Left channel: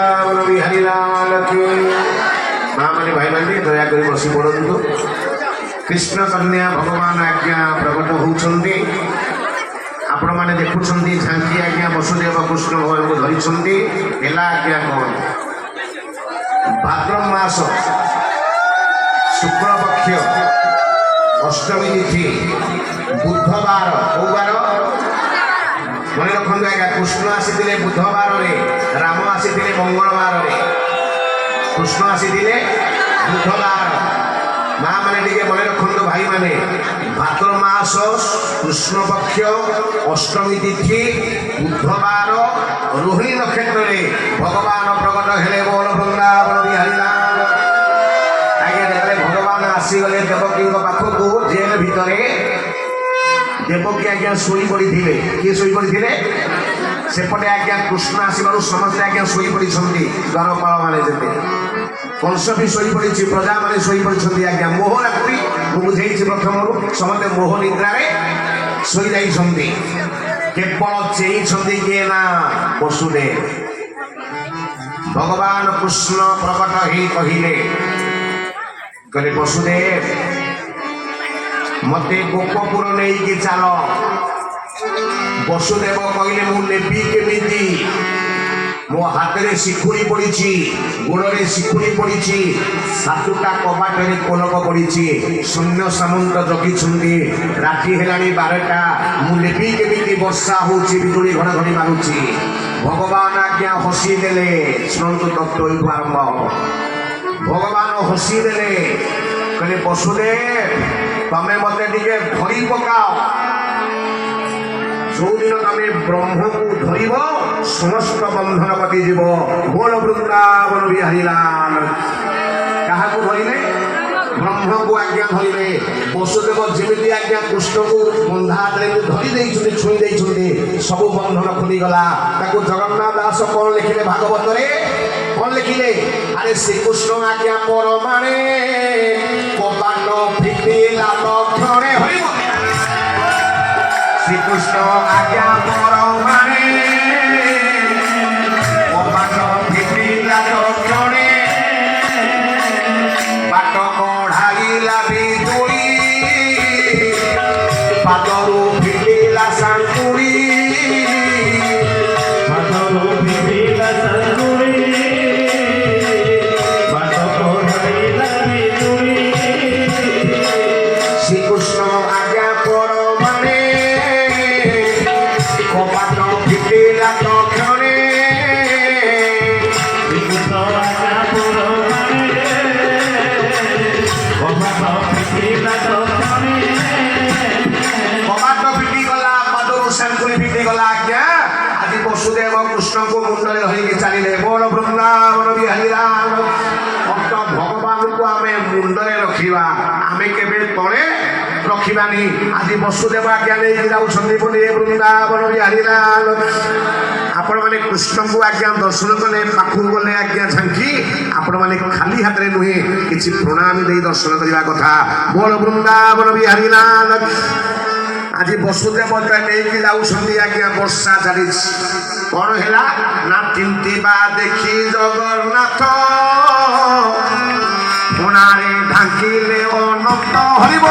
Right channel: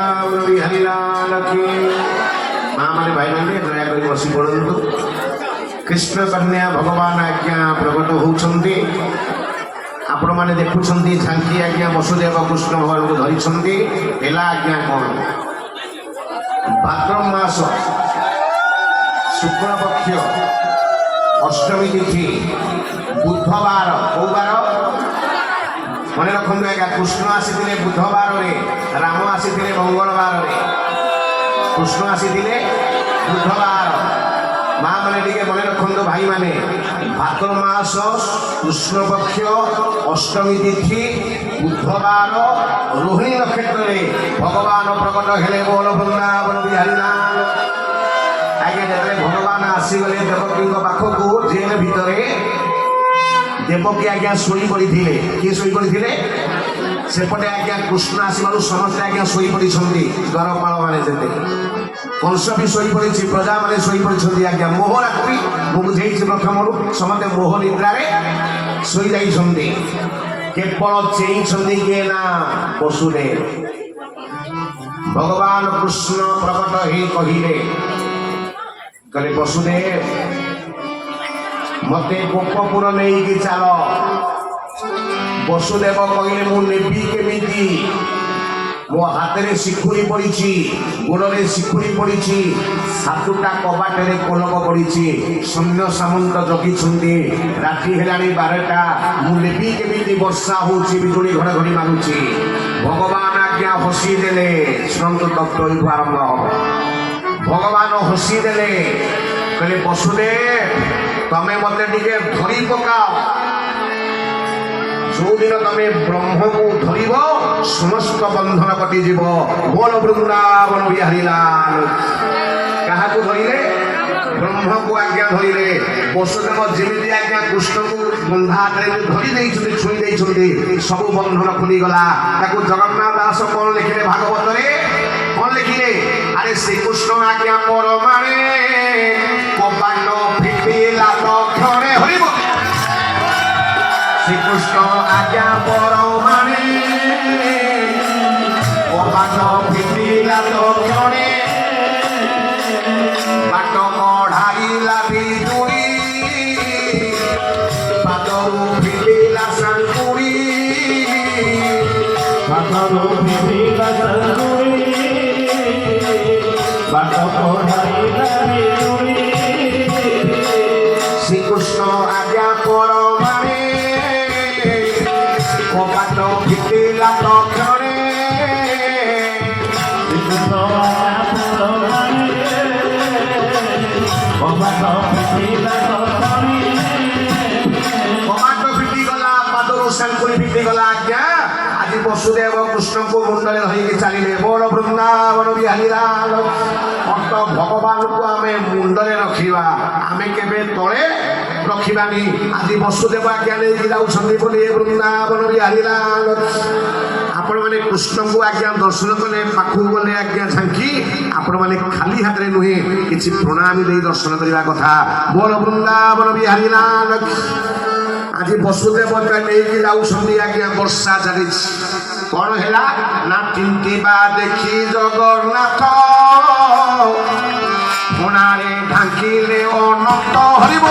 বৃন্দাবন বিহারী লাল কি। মা মানে ভাই মানে দয়া করে বসি পড়ন্তু। কৃষ্ণ কন্যা ভগবান আজ্ঞা প্রকট হউଛନ୍ତି। ଆପଣ ମାନେ ଦେଖୁଛନ୍ତି ଝାଙ୍କି ଆଜ୍ଞା ବସୁଦେବ କୃଷ୍ଣ ଭଗବାନଙ୍କୁ ଧରିଛନ୍ତି। ହେଲା ଆଜ୍ଞା କଣ ଭାଦ୍ର ମାସ ଶୁକ୍ଳପକ୍ଷ ଅଷ୍ଟମୀ ତିଥି ବୁଧବାର। କୋଉ ବାର ମନେ ରଖନ୍ତୁ ଆଜ୍ଞା। କୃଷ୍ଣ ଆସିଥିଲେ ବୁଧବାରରେ, ରାମ ଆସିଥିଲେ ମଙ୍ଗଳବାରରେ। କୃଷ୍ଣ ଆସିଥିଲେ ବୁଧବାର। ମା ମାନେ ଟିକେ ମନେ ରଖନ୍ତୁ ଭାଇ ମାନେ। ଭାଦ୍ର ମାସ କୃଷ୍ଣପକ୍ଷ ଅଷ୍ଟମୀ ତିଥି ବୁଧବାର ରୋହିଣୀ ନକ୍ଷତ୍ରରେ ଭଗବାନ ପ୍ରକଟ ହେଲେ। ବୋଲ ବୃନ୍ଦାବନ ବିହାରୀ ଲାଲ। ଆଜ୍ଞା ଯେତେବେଳେ ଭଗବାନ ଆସିଗଲେ ଦେବକୀଙ୍କ ପାଖକୁ ଜେଲ ଭିତରେ, ଦେବକୀ ଆଜ୍ଞା ଶୋଇ ପଡ଼ିଥିଲେ। କିଏ ଶୋଇ ପଡ଼ିଥିଲେ? ସେପଟେ ଆଜ୍ଞା କୃଷ୍ଣ ଆସିବାରୁ ସମସ୍ତେ ଆଜ୍ଞା ଶୋଇ ପଡ଼ିଛନ୍ତି। ଦ୍ୱାରପାଳ ମାନେ ଯେତେ କଂସ ବି ଶୋଇପଡ଼ିଛି, ପ୍ରଜାମାନେ ଶୋଇପଡ଼ିଛନ୍ତି ଆଜ୍ଞା। ମୋହ ରାତ୍ରି ମୁଁ ବୁଝେଇଛି ପ୍ରଥମରୁ। ସମସ୍ତେ ମୋହ ନିଦ୍ରାରେ ଶୋଇଯାଇଛନ୍ତି। କେବଳ ଚେଇଁଛନ୍ତି କିଏ ନା ବସୁଦେବ। ଭଗବାନ କୃଷ୍ଣ ପ୍ରକଟ ହେଇ କହିଲେ ବସୁଦେବ ମତେ ଗୋପପୁର ନେଇକି ଚାଲ। ବସୁଦେବ କହିଲେ ମୁଁ ନେବି କେମିତି? ମୋ ହାତରେ ଶିଖୁଡ଼ି ପଡ଼ିଛି, ଗୋଡ଼ରେ ଶିଖୁଡ଼ି ପଡ଼ିଛି, ସାତୁଟା କବାଟରେ କୋଲକ ପଡ଼ିଛି, ସୈନ୍ୟ ସାମନ୍ତ ଜଗିଛନ୍ତି। ରାତି ହେଲାଣି 12ଟା। ମୁଁ ନେବି କେମିତି? ବର୍ଷା ହଉଛି, ବିଜୁଳି ଘଡ଼ଘଡ଼ି ମାରୁଛି। ଭଗବାନ ଆଜ୍ଞା ହସି ଦେଲେ। ଶୁଣନ୍ତୁ ତତ୍ତ୍ୱ ଏଇଠୁ ଆରମ୍ଭ ହବ। ଭଗବାନ ହସି ଦେଲେ, କହିଲେ ବସୁଦେବ ତମେ ମତେ ଟିକେ ଧରି ପକାଅ। ଯୋଉଦିନ ତମେ ବ୍ରହ୍ମକୁ ଧରିବ ସମସ୍ତ ବନ୍ଧନ କଟିଯିବ। ବୋଲ ବୃନ୍ଦାବନ ବିହାରୀ ଲାଲ। କାହାକୁ ଧରିଲେ? ବ୍ରହ୍ମକୁ ଆଜ୍ଞା ଧରିଲେ। ବସୁଦେବ ଯେମିତି ଆଜ୍ଞା କୃଷ୍ଣକୁ ବନ୍ଧା ହାତରେ ଧରି ଦେଇଛନ୍ତି, ଛୁଇଁ ଦେଇଛନ୍ତି, ସବୁ ବନ୍ଧନ ଖୋଲିଗଲା। ତାକୁ ଜଗନ୍ନାଥ ଦାସ କଣ ଲେଖିଲେ ଭାଗବତରେ? କଣ ଲେଖିଲେ? ଆରେ ଶ୍ରୀକୃଷ୍ଣ ଆଜ୍ଞା ପରମାଣେ କବାଟ ଫିଟିଲା ଲକ୍ଷଣେ। ହରିବ শ্রীকৃষ্ণ আজ্ঞা পরমাণে কবাট ফিটিলা লক্ষণে। বাট কঢ়াইলা বিজুড়ি, পাদরু ফিটিলা সাঙ্কুড়ি, পাদরু ফিটিলা সাঙ্কুড়ি, বাট কঢ়াইলা বিজুড়ি। শ্রীকৃষ্ণ আজ্ঞা পরমাণে কবাট ফিটিলা লক্ষণে। কবাট ফিটিগলা, পাদରୁ ସାଙ୍କୁଳି ଫିଟିଗଲା ଆଜ୍ଞା। ଆଜି ବସୁଦେବ କୃଷ୍ଣଙ୍କୁ ମୁଣ୍ଡରେ ଧରିକି ଚାଲିଲେ। ବୋଲ ବୃନ୍ଦାବନ ବିହାରୀ ଲାଲ। ଅନ୍ତ ଭଗବାନଙ୍କୁ ଆମେ ମୁଣ୍ଡରେ ରଖିବା, ଆମେ କେବେ ତଳେ ରଖିବାନି। ଆଜି ବସୁଦେବ ଆଜ୍ଞା ନେଇକି ଯାଉଛନ୍ତି ବୋଲି ବୃନ୍ଦାବନ ବିହାରୀ ଲାଲ। ଆପଣମାନେ କୃଷ୍ଣଙ୍କୁ ଆଜ୍ଞା ଦର୍ଶନ କଲେ, ପାଖକୁ ଗଲେ ଆଜ୍ଞା ଝାଙ୍କି, ଆପଣମାନେ ଖାଲି ହାତରେ ନୁହେଁ କିଛି ପ୍ରଣାମୀ ଦେଇ ଦର୍ଶନ କରିବା କଥା। ବୋଲ ବୃନ୍ଦାବନ ବିହାରୀ ଲାଲ। ଆଜି ବସୁଦେବ ନେଇକି ଯାଉଛନ୍ତି ଆଜ୍ଞା। ବର୍ଷା ଚାଲିଛି। କଣ ହେଲା ନା ତିନ୍ତିବା ଦେଖି ଜଗନ୍ନାଥ କୋଣାରେ ଢାଙ୍କିଲେ ଅନନ୍ତ। ହରିବ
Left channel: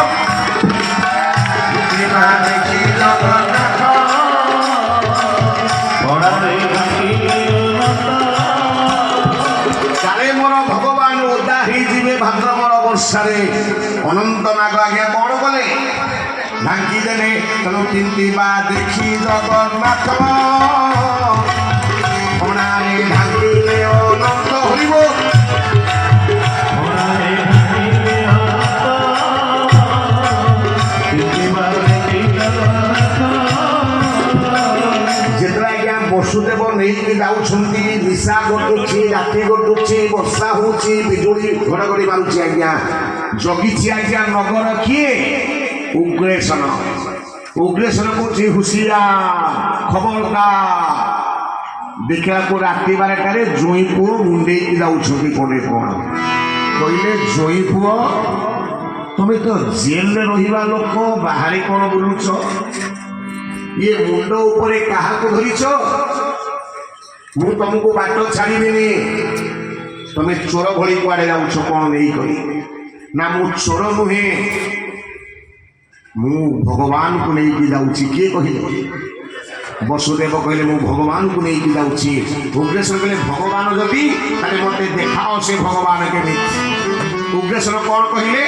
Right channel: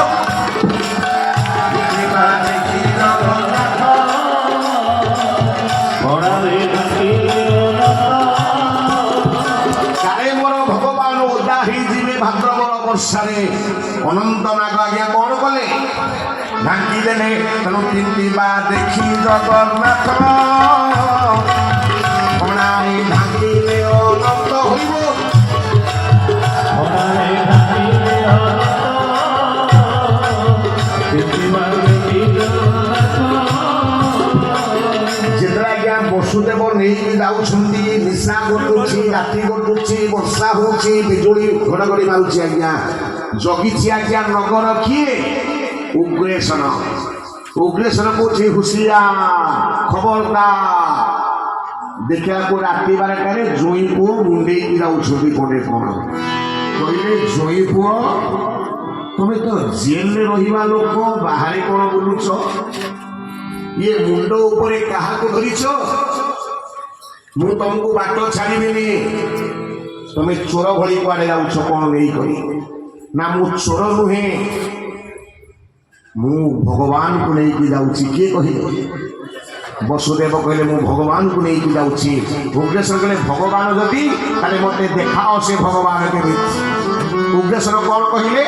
ଦେଖି ଜଗନ୍ନାଥ କୋଣାରେ ଢାଙ୍କିଲେ ଅନନ୍ତ। କାଳେ ମୋର ଭଗବାନ ଓଦା ହେଇଯିବେ ଭାଦ୍ରବର ବର୍ଷାରେ। ଅନନ୍ତ ନାଗ ଆଜ୍ଞା କଣ କଲେ? ঢাকি দেলে। তেমন তিনটিবা দেখি জগন্নাথ কোণারে ঢাকিলে অনন্ত। হইব যেତେବେଳେ ଆଜ୍ଞା ବସୁଦେବ ନେଇକି ଯାଉଛନ୍ତି, ନିଶା ଘଟୁଛି, ରାତି ଘଟୁଛି, ବର୍ଷା ହଉଛି, ବିଜୁଳି ଘଡ଼ଘଡ଼ି ମାରୁଛି ଆଜ୍ଞା। ଜଗିଛି ଆଜ୍ଞା ନଗର କିଏ? ଉଗ୍ରେସନ। ଉଗ୍ରେସନ କହୁଛି ହୁସିଆର, ଖବରଦାର। ଦେଖିବାକୁ ରାତି 12ଟାରେ ଜୋଇଁ ପୁଅ ମୁଣ୍ଡେଇକି ଯାଉଛନ୍ତି। କୋଣରେ କଣ କହିଲେ? ଜୋଇଁ ପୁଅ ତମେ ତ ଜେଲରେ ରହିବା ଲୋକ, ବାହାରେ କଣ ବୁଲୁଛ? ଇଏ ମୁଣ୍ଡ ଉପରେ କାହାକୁ ଧରିଛ? ମୁଁ ତମକୁ ବାଟ ଛାଡ଼ିବିନି। ତମେ ଚୋର ଭଳି କୁଆଡ଼େ ଯାଉଛ କ'ଣ ନେଇକରି? ନା ମୁଁ ଚୋର ନୁହେଁ, ମୁଁ ଭଗବାନଙ୍କୁ ନେଇକି ଯାଉଛି। କିଏ କହିଲେ? ବସୁଦେବ କହିଲେ ମୁଁ ଭଗବାନଙ୍କୁ ନେଇକି ଯାଉଛି। ଉଗ୍ରେଶ୍ୱର କହିଲେ ଭଗବାନ ଯଦି ତାହେଲେ ମୋତେ ଦେଖାଅ ସେ ଭଗବାନ କେମିତି। ଉଗ୍ରେଶ୍ୱର କ'ଣ କହିଲେ?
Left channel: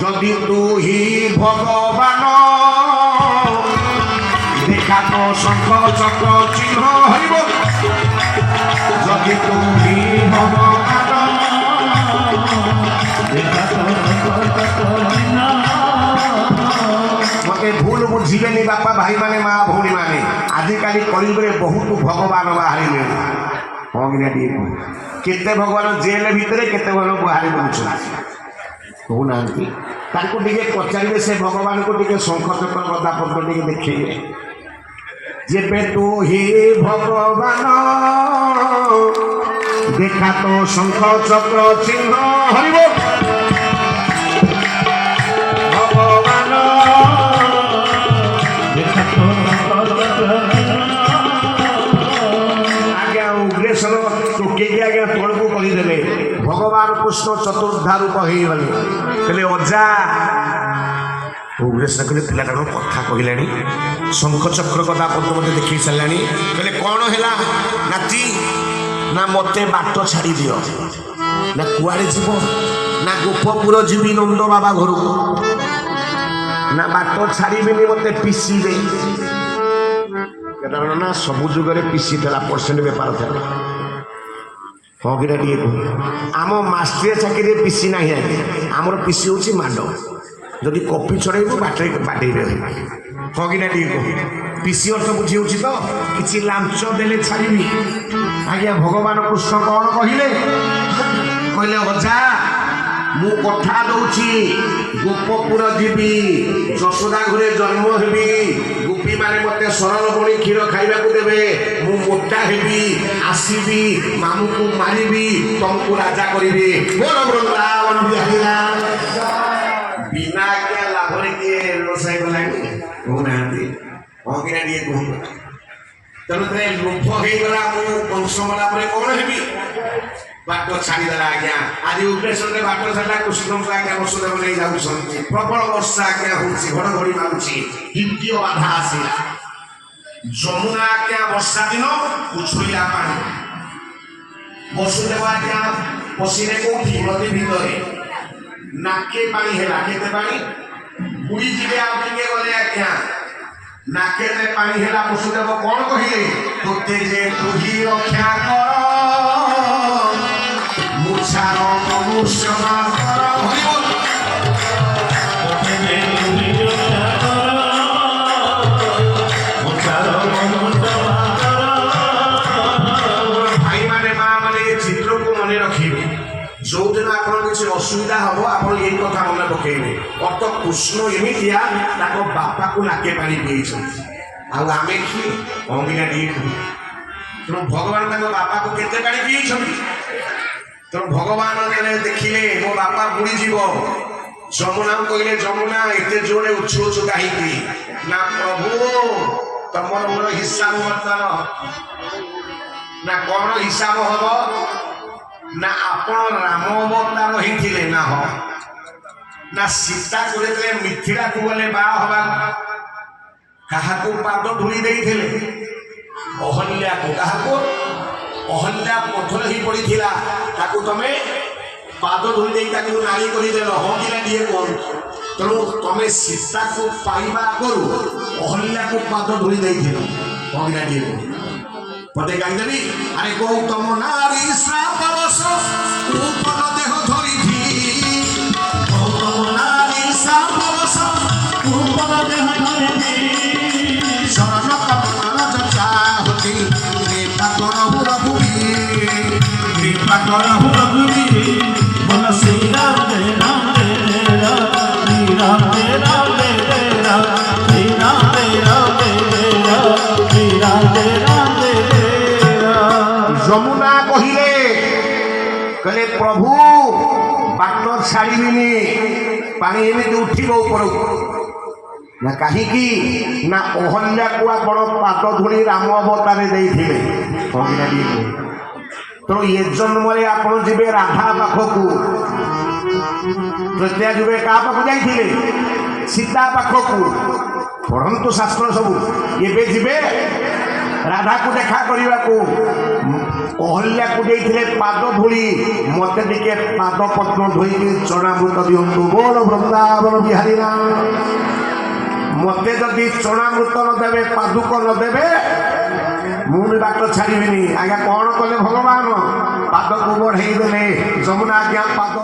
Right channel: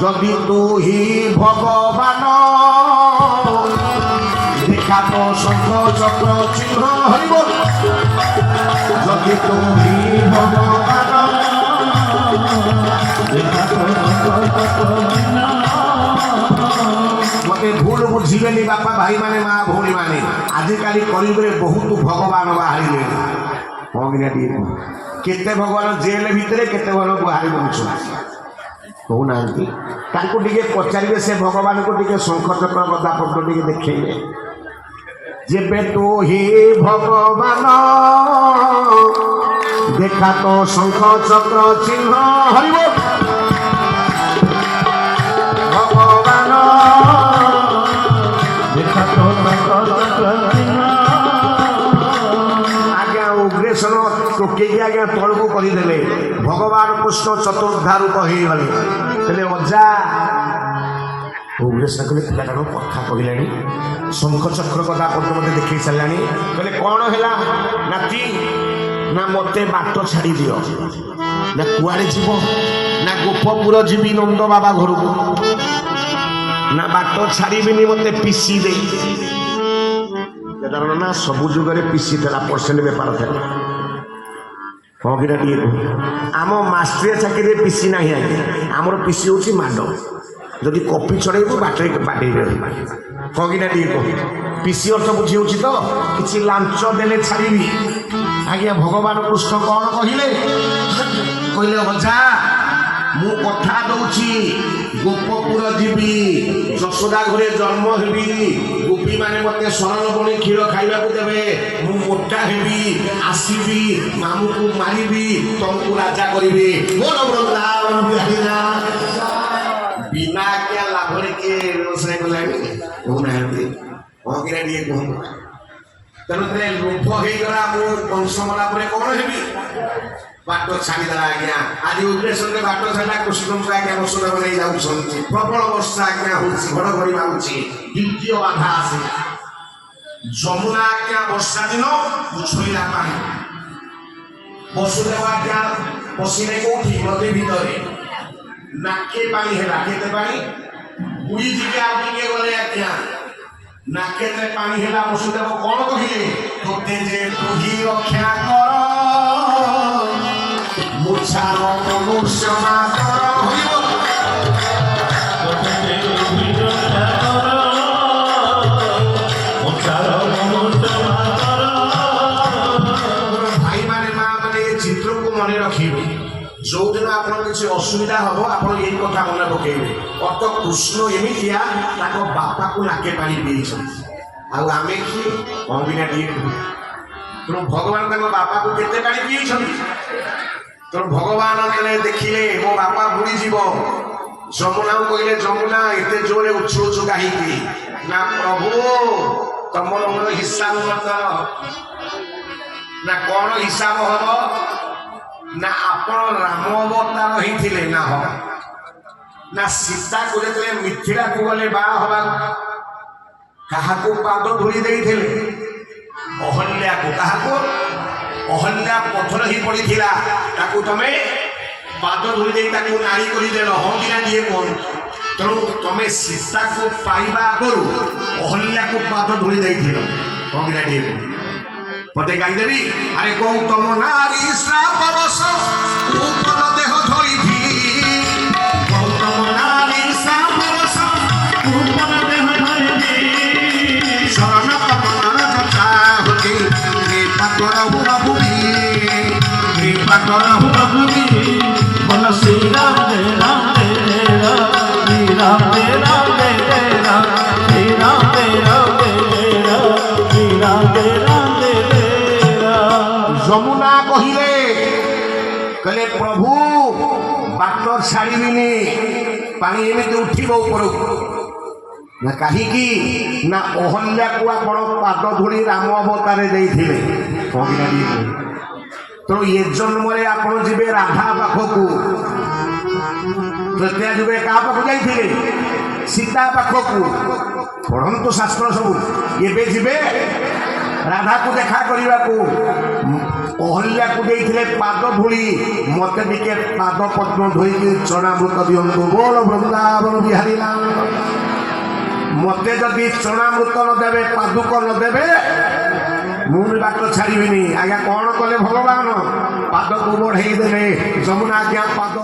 ଯଦି ତୁ ହି ଭଗବାନ দেখা তো শঙ্খ চক্র চিহ্ন হইব। যদি তু হি ভগবান দেখা তো শঙ্খ চক্র চিহ্ন। মতে ভুল বুঝিবেনি বাপা ভাই মানে মা ভଉଣୀ ମାନେ। ଆଜିକାଲି କଳିଯୁଗରେ ବହୁତ ଭଗବାନ ବାହାରିଲେ। ହଁ କି ନା ଟିକେ କେତେ ଭଗବାନ ଜେଲ ଭିତରେ କେତେ ଭଗବାନ ବାହାରି ବୁଲୁଛନ୍ତି କହୁନାହାନ୍ତି। ତାଙ୍କୁ ଟିକେ ପଚାରିବେ ସେ ଭଗବାନଙ୍କୁ ଟିକେ ଶଙ୍ଖ ଚକ୍ର ଗଦା ପତ୍ର ଟିକେ ଦେଖେଇବେ। ଯେବେ ତୁ ହି ଭଗବାନ দেখা তো শঙ্খ চক্র চিহ্ন হরিব। ভগবান দেখা তো শঙ্খ চক্র চিহ্ন। আজ্ঞা উগ্রেশ্বর ଟୋକେଇକି ଆଜ୍ଞା ତଳକୁ କହିଦେଲେ। ଭଗବାନ କୃଷ୍ଣ ଚତୁର୍ଦ୍ଧା ରୂପ ହେଇଗଲେ। କହିଲେ ଅଜା। ଉଗ୍ରେଶ୍ୱର କହିଲେ ପିଲାଟା କ'ଣ କଥା କହିଲାଣି, ଶଙ୍ଖ ଚକ୍ର ଗଦା ପଦ୍ମ ମୋତେ ଦେଖେଇ ସାରିଲାଣି। କହିଲେ କ'ଣ ହେଲା ନାତି? ନା ମୋତେ ବାଟ ଛାଡ଼ି ଦିଅ। ନା କୁଆଡ଼େ ଯିବ? ନା ଗୋପପୁର ଯିବି ନନ୍ଦ ବାବା ଘରକୁ। ନା ବାଟ ଛାଡ଼ିବିନି, ମୋତେ ପିସି ଦେଇ। ନା ସବୁ ଯୁଗରେ ପିସି ଥିଲା, ପରସେଣ୍ଟ ବେପାର ଥିଲା। ହଁ କିନା ଟିକେ କୁହ। ଆମ ମାଷ୍ଟ୍ରିଆ ଚାକିରିରେ ପିସି ନାହିଁ ଆଜ୍ଞା। ଆମର ପିସି ହେଉଛି ମାଡ଼। ଯଦି କପି ଚଢ଼େଇବୁ ବାଟେଇବେ। ହଁ କିନା ଟିକେ କୁହ। ପିସି ଅର୍ଥ ବୁଝି ହେଉଛି ତ? କିଛି ଲାଞ୍ଚ ଦେଲେ ଛାଡ଼ିବି। ଆଜ୍ଞା ଭଗବାନ କୃଷ୍ଣ କ'ଣ କହିଲେ? କହିଲେ ଅଜା ମୁଁ କଥା ଦଉଛି ଗୋପପୁର ଯିବି, ଯଶୋଦା ଘରେ ଜନ୍ମ ହେବି, ଗୋପୀମାନେ ମୋତେ ଶରଣ ବଣି କ୍ଷୀର ଖାଇବାକୁ ଦେବେ, ମୁଁ ମୋଟା ହେବି, ଆସିବି, ମାମୁଁକୁ ମାରିବି, ତମକୁ ରାଜା କରିବି। ମୋର ବୃନ୍ଦାବନ ବିହାରୀ ନାଥ। ବିନା ଆଜ୍ଞା ଲାଭରେ କିଏ ବ୍ୟବସାୟ କଲାଣି କହୁନାହାନ୍ତି। ହଁ କିନା ଟିକେ କୁହନ୍ତୁ। ତେଣୁ ଲୋଭ ହେଇଗଲା, ମୁଁ ବଂଶ ମଲା ପରେ କ'ଣ ହେବି? ବାଟ ଛାଡ଼ିଦେଲା ଆଜ୍ଞା। ଆଜି ଉଗ୍ରେଶ୍ୱରରେ ବାଟ ଛାଡ଼ିଲା। କୃଷ୍ଣଙ୍କୁ ଆଜ୍ଞା ବସୁଦେବ ନେଇ ଯାଉଛନ୍ତି। ପ୍ରବଳ ବର୍ଷା ଆଜ୍ଞା ହେଉଛି, ଘଡ଼ଘଡ଼ି ମାରୁଛି। ଦ୍ୱିତୀୟ ବାଧା ଆସିଲା। ଯମୁନା ଆଜ୍ଞା ବର୍ଷା ଦିନ ଉଛୁଳିଆ ପାଣି। ବସୁଦେବ ଆଜ୍ଞା ପଶିଲେ କୋଉଠି? ନଦୀ ଭିତରେ। ନାକେ ପାଣି ହେଲା। କେତେ ପାଣି? ବୁଡ଼ି ଯିବେ ଆଉ ଟିକେ ଗଲେ ଆଜ୍ଞା। ନାକେତେ ପାଣି ହେଲା। ବସୁଦେବ କ'ଣ କହିଲେ? ତୋତେ ଯେ ତୁହି ରକ୍ଷା କର ମୁଛାର ମନୁଷ୍ୟ ମାତ୍ର ହଇବ। ଭାଇମାନେ ମା ମାନେ ଏ ଚିତ୍ରକୁ ମନେ ରଖିବେ। ଯୋଉଦିନ ଆପଣ କିଛି ଅସୁବିଧା ହବ ଆପଣ ଏଇ କଥା ମନେ ପକେଇବେ। ଅଟ କୃଷ୍ଣ ଏମିତିଆ ତାଙ୍କ ବାପାକୁ ନାକେ ପାଣି ପିଇଛନ୍ତି। ଆଉ ଆମେ କି ଅଙ୍ଗିନା ଟିକେ ତେଣୁ ଭଗବାନ ତାଙ୍କ ବାପାକୁ କେତେ ପାଣି ପିଇଛନ୍ତି। ତେଣୁ ଭଗବାନ ଦେଖିଲେ ମୋ ବାପା ବୁଡ଼ିଯିବ। ଯମୁନାକୁ କହିଲେ ଯମୁନା ଏତେ ଜୋରେ ଉଛୁଳୁଛୁ କାହିଁକି? ନା ପ୍ରଭୁ ତମର ମୋର ହିସାବ ବର୍ତ୍ତମାନ। ନା କ'ଣ ହିସାବ ହବ? ନା ଆପଣ ରାମ ଅବତାର ହେଇଥିଲେ ନା ହବ। ନା ସୀତାକୁ ଯେତେବେଳେ ମିଥିଳାକୁ ଗଲେ ବାହା ହବାକୁ କାହାକୁ ପାଦ ଧୂଳି ଦେଇଥିଲେ? ଅହଲ୍ୟାକୁ। କାହାକୁ? ଅହଲ୍ୟା ପଥର ହେଇ ପଡ଼ିଥିଲା, ତାକୁ ତମେ ପାଦ ଧୂଳି ଦେଇ ତାକୁ ନାରୀ କରିଦେଲ। ହଁ କିନା ଟିକେ କୁହନ୍ତୁ। ତେଣୁ ତମେ ସୀତାକୁ ପାଇବା ଆଗରୁ ଅହଲ୍ୟାକୁ ପାଦ ଧୂଳି ଦେଇଥିଲ। ହଁ କିନା ଟିକେ କୁହ। ପଦେ ଗାଇଦେବି। ଆରେ ଗୌତମ ନାରୀ ଶ୍ରାପରସ ଉପର ଦେହ ଧରିବି। ଗୌତମ ନାରୀ ଶ୍ରାପରସ ଉପର ଦେହ ଧରିବି। ଶରଣ କମଳ ଚର୍ଚ୍ଚା ହୋଇ କୃପା ହୁଅ ଭୂମି। କୃପା ହୁଅ ଭୂମି। ବୋଲ ଶ୍ରୀରାମ ଜୟ ରାମ ଜୟ ରାମ। ଶ୍ରୀରାମ ଜୟ ରାମ ଜୟ ରାମ। ଶ୍ରୀରାମ ଜୟ ରାମ ଜୟ ରାମ। ଶ୍ରୀରାମ ଜୟ ରାମ ଜୟ ରାମ। ଯମୁନା କହିଲେ ପ୍ରଭୁ ବାଟ ଛାଡ଼ିବିନି, ପାଣି ଏମିତି ଉଠିବ ଉପରକୁ। ନା କାହିଁକି? ନା ଅହଲ୍ୟାକୁ ଆପଣ ପାଦ ଧୂଳି ରାମ ଅବତାରେ ଦେଇଥିଲେ। ହଁ କି ନାହିଁ ତେଣୁ ଏ ଜନ୍ମରେ ଆପଣ ଯିବେ ରାଧା ପାଖକୁ ତୃତୀୟା ଯିବେ କାହା ପାଖକୁ ଯାଇଥିଲେ ସୀତା ପାଖକୁ ପଢ଼ନ୍ତୁ ଶାସ୍ତ୍ର ସବୁ ଏବେ ଯିବେ ରାଧାକୁ ଦେଖା କରିବାକୁ ଅହଲ୍ୟାକୁ ଦେଇଥିଲେ ପାଦ ଧୂଳି ମତେ ଟିକେ ପାଦ ପଦ୍ମ ଧୋଇକି ଚଣାମୃତ ଦିଅନ୍ତୁ ବୋଲ ବୃନ୍ଦାବନ ବିହାରୀ ମତେ ଯଦି ଚଣାମୃତ ନଦେବେ ପାଦୁକ ନଦେବେ ମୁଁ ବି ବାଟ ଛାଡ଼ିବିନି ଆଜ୍ଞା କଣ କଲେ ଭଗବାନ ପାଦକୁ ବଢେଇ ଦେଲେ ଯମୁନା ଆଜ୍ଞା ପାଦ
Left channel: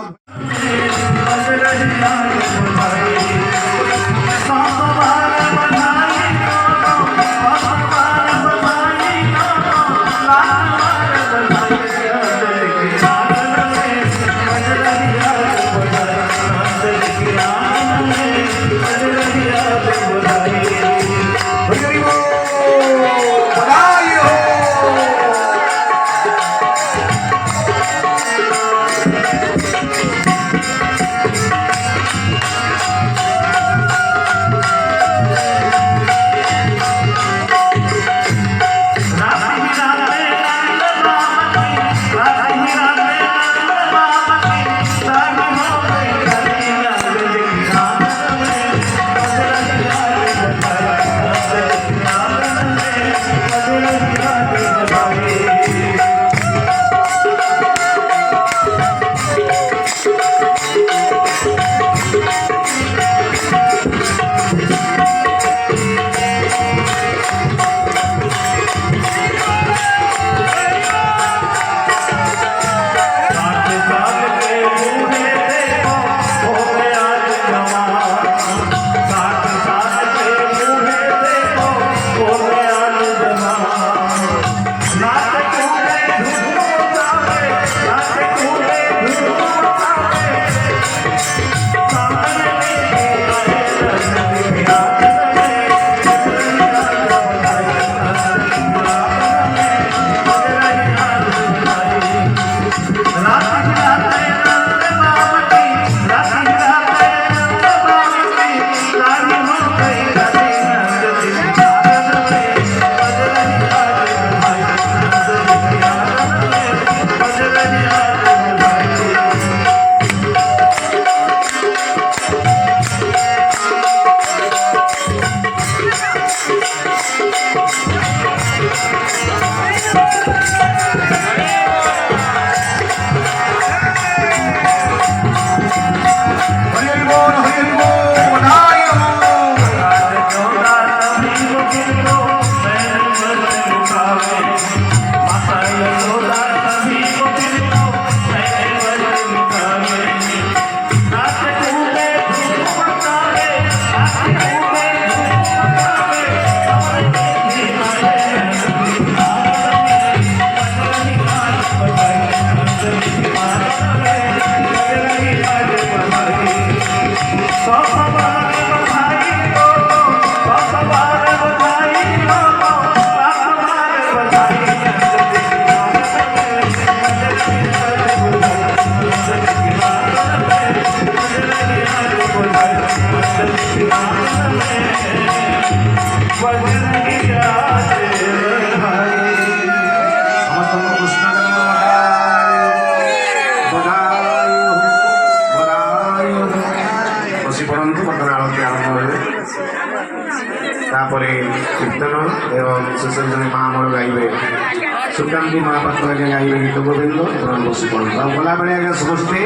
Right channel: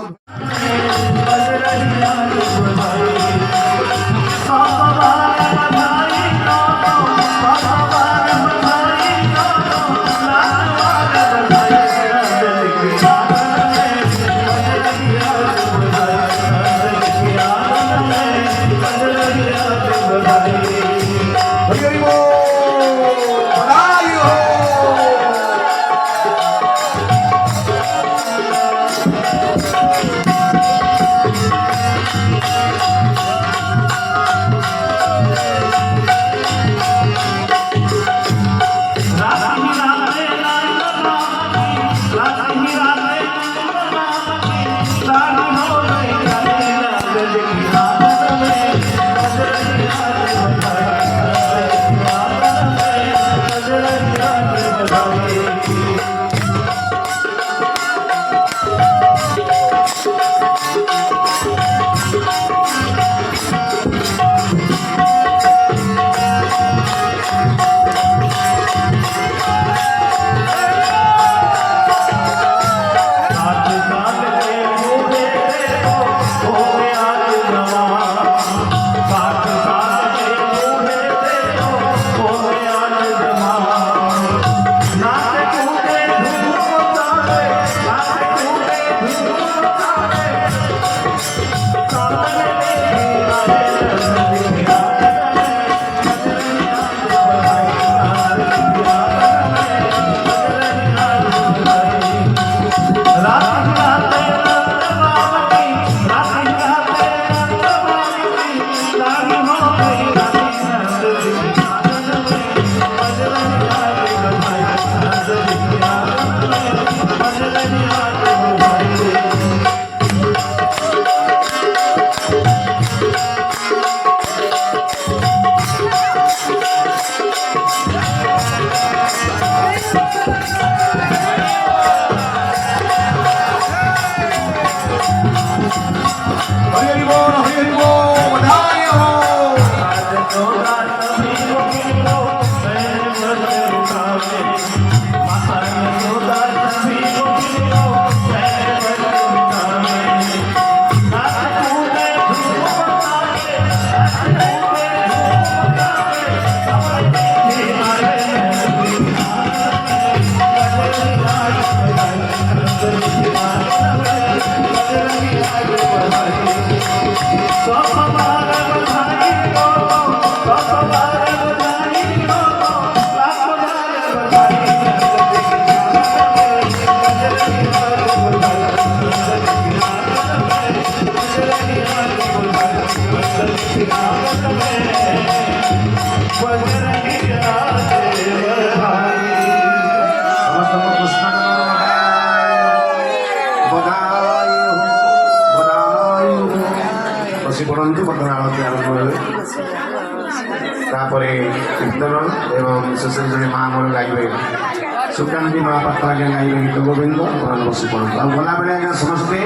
तापर कीर्तन एवं शेष महामूल गाइबे सुकांति महापात्र आगे गाइबे गीत गोविंद बस पड़ो गला बेले आगे समस्ते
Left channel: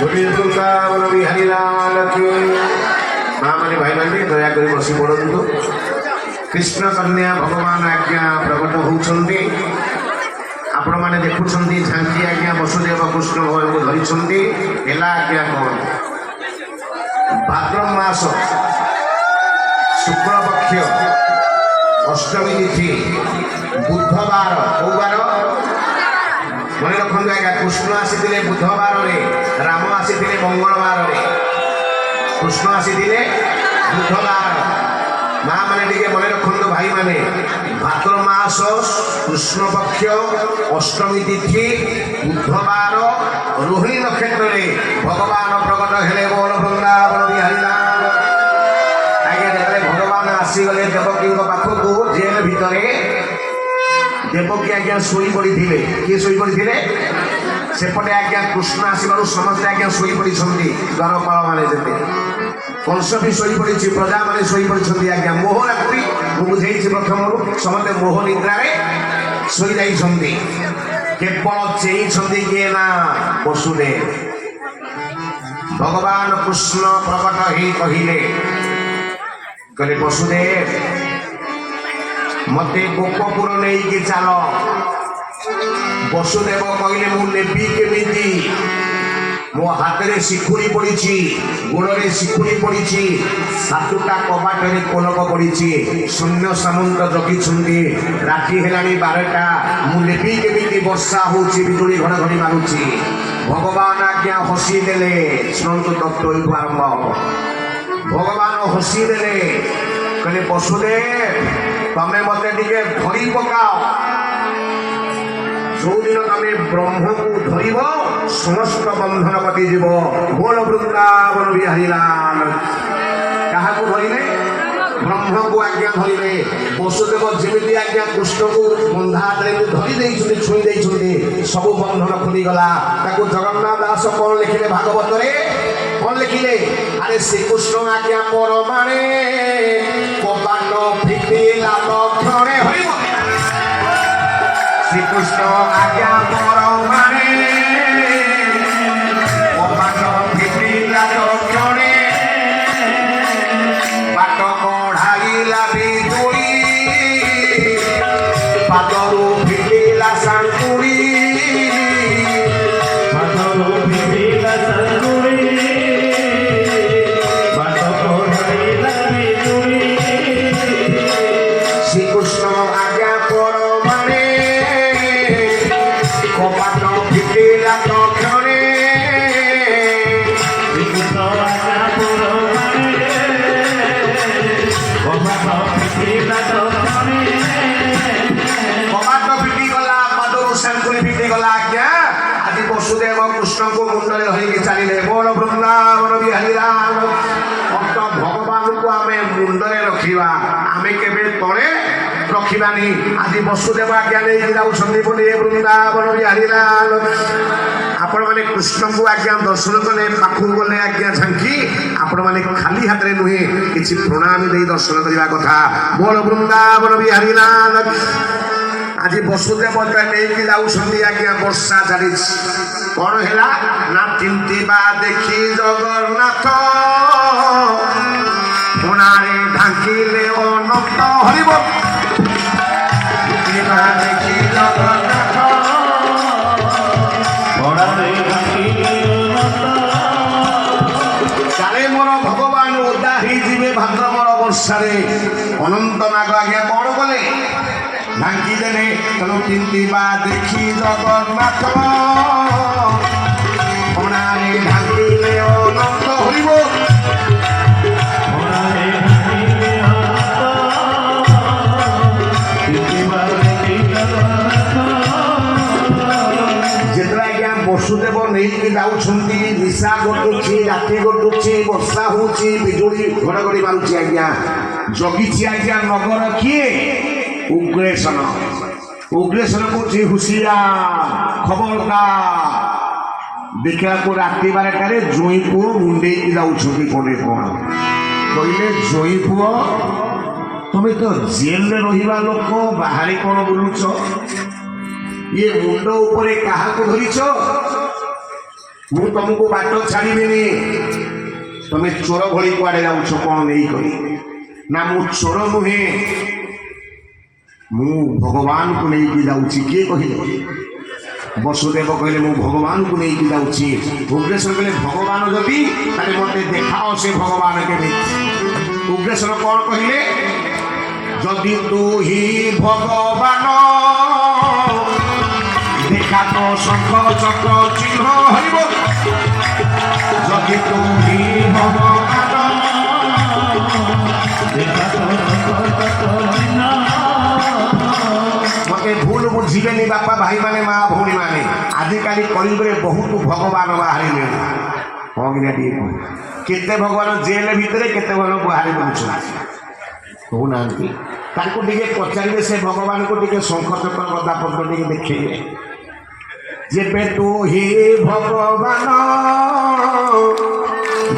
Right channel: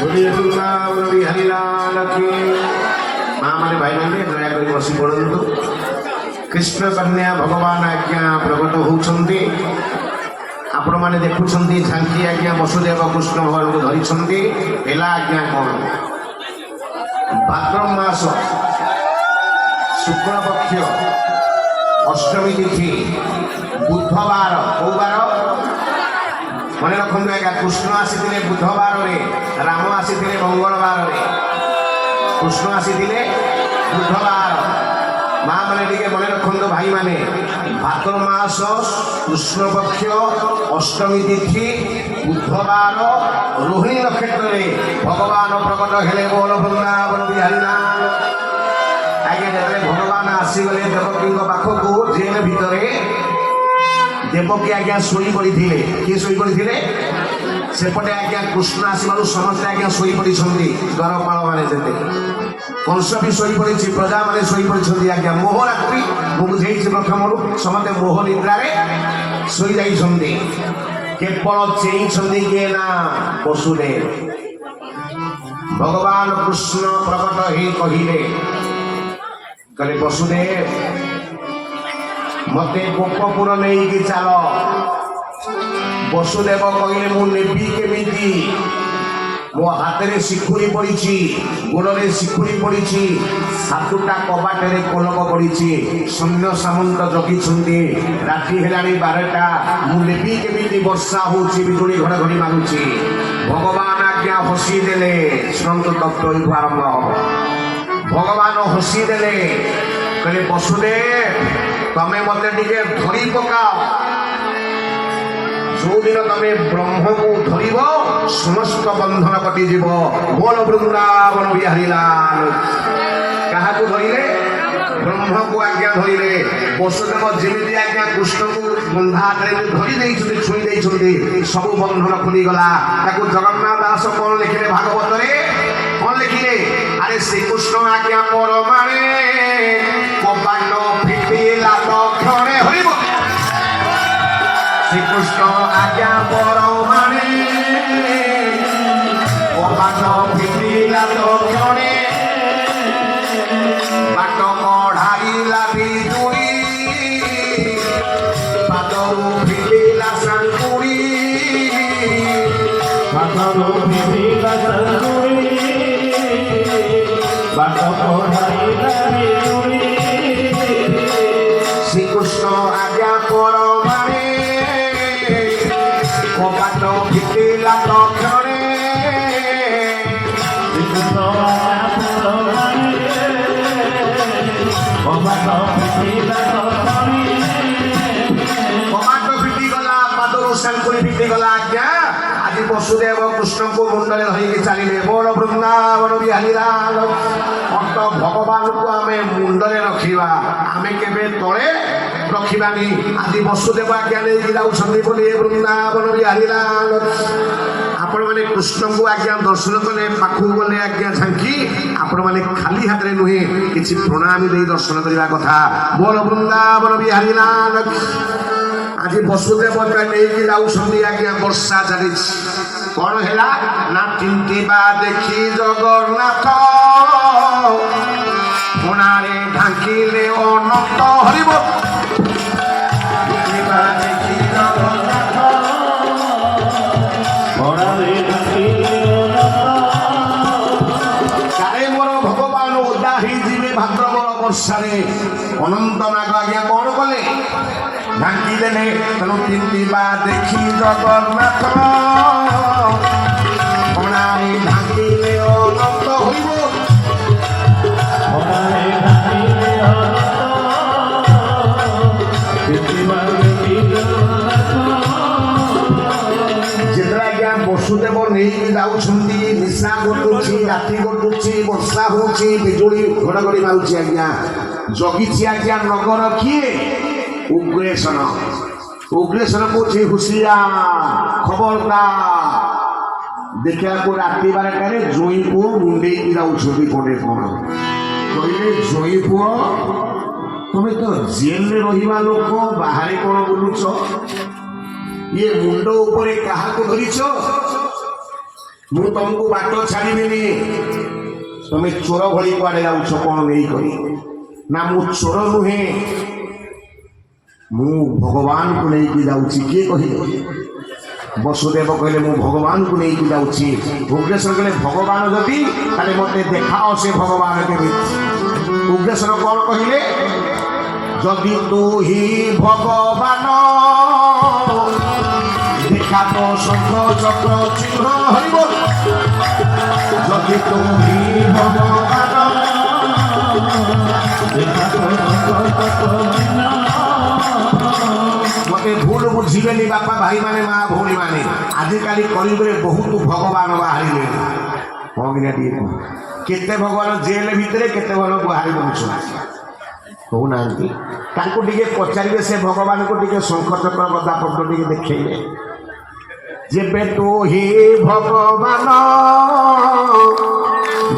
बोलिए वृंदावन बिहारी लाल की। माँ माने भाई माने दया कर बसी पड़ू। कृष्ण कन्या भगवान आज्ञा प्रकट होती आपण मैंने देखुं झांकी आज्ञा वसुदेव कृष्ण भगवान को धरी आज्ञा कौन भाद्र मास शुक्ल पक्ष अष्टमी तिथि बुधवार कौ बार मन रखु आज्ञा कृष्ण आसी बुधवार राम आसी मंगलवार कृष्ण आसी बुधवार माँ मैंने मन रखु भाई माने भाद्र मास कृष्ण पक्ष अष्टमी तिथि बुधवार रोहिणी नक्षत्र भगवान प्रकट हेले बोल वृंदावन बिहारी लाल। आगे भगवान आसीगले देवकी पाखक जेल भितर देवकी आज्ञा शोई पड़ी किए शोई पड़ी सेपटे आज्ञा कृष्ण आसबार समस्ते आज्ञा शोई पड़ी द्वारपाल मैंने देते कंस भी शोई पड़ी प्रजा मैंने शोई पड़ी आज्ञा मोह रात्रि मुझे प्रथम समस्ते मोह निद्रा शोई जाइए केवल चेई किए ना वसुदेव भगवान कृष्ण प्रकट ही कहले वसुदेव मते गोपपुर नहीं कि चल वसुदेव कहले मु नेबी केमिति मो हाथ में शिखुरी पड़ी गोड़े शिखुरी पड़ी सातुटा कबाट में कोलक पड़ी सैन्य सामंत जगी राति है 12टा मुझे केमी वर्षा होजुड़ी घड़घड़ी मारुची भगवान आज्ञा हसी देले शुणु तत्व आरंभ भगवान हसी देले कहले वसुदेव तमें मत धरी पकाओ जो दिन तमें ब्रह्म को धर समस्त बंधन कटिज बोल वृंदावन बिहारी लाल क्या धरले ब्रह्म को आज्ञा धरले वसुदेव जमी आज्ञा कृष्ण को बंधा धरी छुई सब बंधन खुलीगला जगन्नाथ दास कौन लिखिले भागवत कौन लिखिले अरे श्रीकृष्ण आज्ञा पर माने कबाट फिटिला लक्षणे हरिब श्रीकृष्ण आज्ञा पर माने कबाट फिटिला लक्षणे बाट कढ़ाइला बिजुड़ी पादरू फिटिला सांकुड़ी पादरू फिटिला सांकुड़ी बाट कढ़ाइला बिजुड़ी श्रीकृष्ण आज्ञा पर माने कबाट फिटिला लक्षणे श्रीकृष्ण आज्ञा पर माने कबाट फिटिला लक्षणे कबाट फिटिगला पादरू सांकुड़ी फिटिगला आज्ञा आदि वसुदेव कृष्ण को मुंडले धरिकी चलिए बोल वृंदावन बिहारी लाल अंत भगवान को आम मुंडले रखा आम के तले रखानी आदि वसुदेव आज्ञा लेकिन जाऊँ बोले वृंदावन बिहारी लाल आपण मैंने कृष्ण को आज्ञा दर्शन कले पाखक गले आज्ञा झांकी आपण मैंने खाली हाथ में नुहे कि प्रणाम दे दर्शन करने कथा बोल वृंदावन बिहारी लाल। आज वसुदेव नहीं जाऊँगी आज्ञा वर्षा चली कौन है ना चिंतिबा देखी जगन्नाथ कोणारे ढांकिले अनंत हरिब देखी जगन्नाथ कोणारे ढांकिले काले मोर भगवान ओदा ही जीवे भाद्रवर वर्षारे अनंत नाग आज्ञा कौन कले ढांकी देने तेणु चिंतिबा देखी जगन्नाथ कोणारे ढांकिले अनंत हरिब जितना आज्ञा वसुदेव नहीं जाऊँगी निशा घटुची राति घटुची वर्षा होची बिजुड़ी घड़घड़ी मारुची आज्ञा जगी आज्ञा नगर किए उग्रेशन उग्रेशन को हुशियार खबरदार देखा को राति 12टार जोई पुओ मुंडे जाऊँगी पड़े कौन कहले जोई पुओ तुम्हें तो जेल में रहा लोक बाहर कौन बुलुच ये मुंड उपरे क्या धरीच ମୁଁ ତମକୁ ବାଟ ଛାଡ଼ିବିନି। ତମେ ଚୋର ଭଳି କୁଆଡ଼େ ଯାଉଛ କ'ଣ ନେଇକରି? ନା ମୁଁ ଚୋର ନୁହେଁ, ମୁଁ ଭଗବାନଙ୍କୁ ନେଇକି ଯାଉଛି। କିଏ କହିଲେ? ବସୁଦେବ କହିଲେ ମୁଁ ଭଗବାନଙ୍କୁ ନେଇକି ଯାଉଛି। ଉଗ୍ରେଶ୍ୱର କହିଲେ ଭଗବାନ ଯଦି ତାହେଲେ ମୋତେ ଦେଖାଅ ସେ ଭଗବାନ କେମିତି। ଉଗ୍ରେଶ୍ୱର କ'ଣ କହିଲେ? ଯଦି ତୁ ହି ଭଗବାନ দেখা তো শঙ্খ চক্র চিহ্ন হইব। যদি তু হি ভগবান দেখা তো শঙ্খ চক্র চিহ্ন। মতে ভুল বুঝিবেনি বাপা ভাই মানে মা ভଉଣୀ ମାନେ। ଆଜିକାଲି କଳିଯୁଗରେ ବହୁତ ଭଗବାନ ବାହାରିଲେ। ହଁ କି ନା ଟିକେ କେତେ ଭଗବାନ ଜେଲ ଭିତରେ କେତେ ଭଲ ବାହାରି ବୁଲୁଛନ୍ତି କହୁନାହାନ୍ତି। ତାଙ୍କୁ ଟିକେ ପଚାରିବେ ସେ ଭଗବାନଙ୍କୁ ଟିକେ ଶଙ୍ଖ ଚକ୍ର ଗଦା ପତ୍ର ଟିକେ ଦେଖେଇବେ। ଯେବେ ତୁ ହି ଭଗବାନ